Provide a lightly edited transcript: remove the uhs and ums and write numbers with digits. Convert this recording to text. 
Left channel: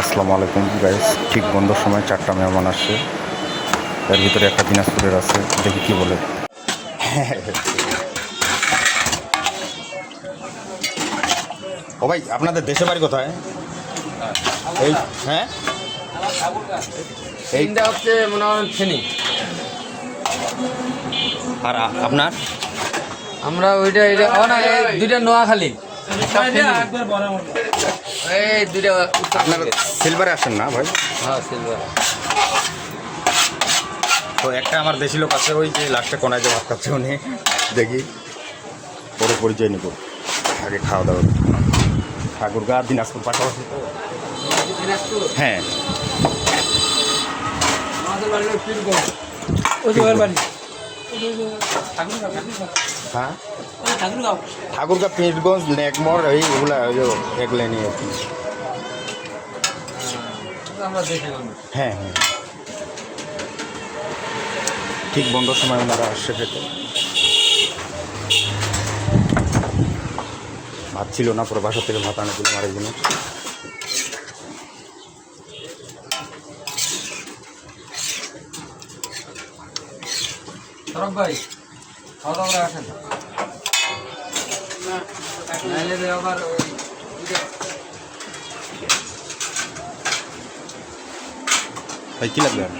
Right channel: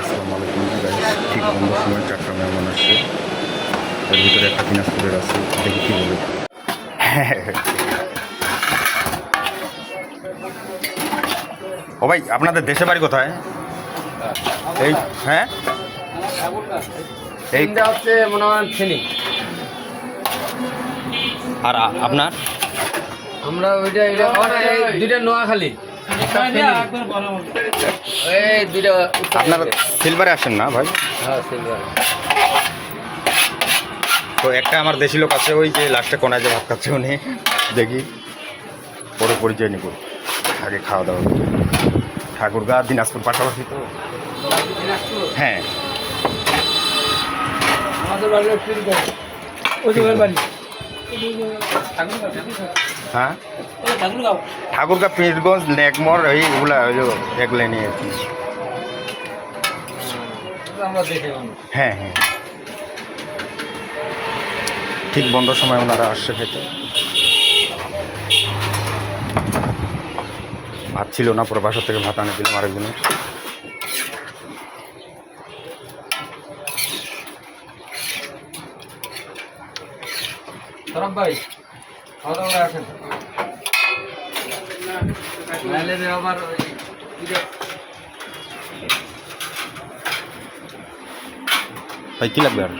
আসসালামু আলাইকুম গাইস। ঠিক বন্ধুর সময় 4টা মেহমান আসছে, তার ভিতরে একটা দিনাজপুরের আছে, দেখি কি বলে। ও ভাই, আপনাদের দেশে বাড়ি কোথায়? এই হ্যাঁ, এইটা হচ্ছে মনে হয় ফেনি। আর আপনার? আমরা ওইটা দুইটা নোয়াখালী, একটা ফেনী। এই দুইটা আপনারা সিলভারে আসেন না ভাই? হ্যাঁ সিলভার। তো একটা আমার দেশি লোক আছে, ওই যে লাস্টে কোনায় যে ভাত খাচ্ছে উনি, দেখি পরে পরিচয় নিব। আগে খাওয়া দাওয়া করি। ঠাকুরগাঁ দিনাজপুর পাশাপাশি তো। হ্যাঁ, আমাদের বাড়ি ওই বাড়ি হ্যাঁ, ঠাকুরগাঁ পীরগঞ্জ নেকমর এইগুলা এগুলো নিয়ে আর কি। আমরা দেশে মানুষ। হ্যাঁ হ্যাঁ, ঠিক বন্ধর সময় ওনারা আসছে খেতে। ভাত ছিল না, পরে বাসা থেকে ভাত আনে দিলাম আরেকজনের। সরব ভাই খাওয়া দাওয়া করে আসেন, নাইলে যে আবার ওই ভাই কী লাগবে আর?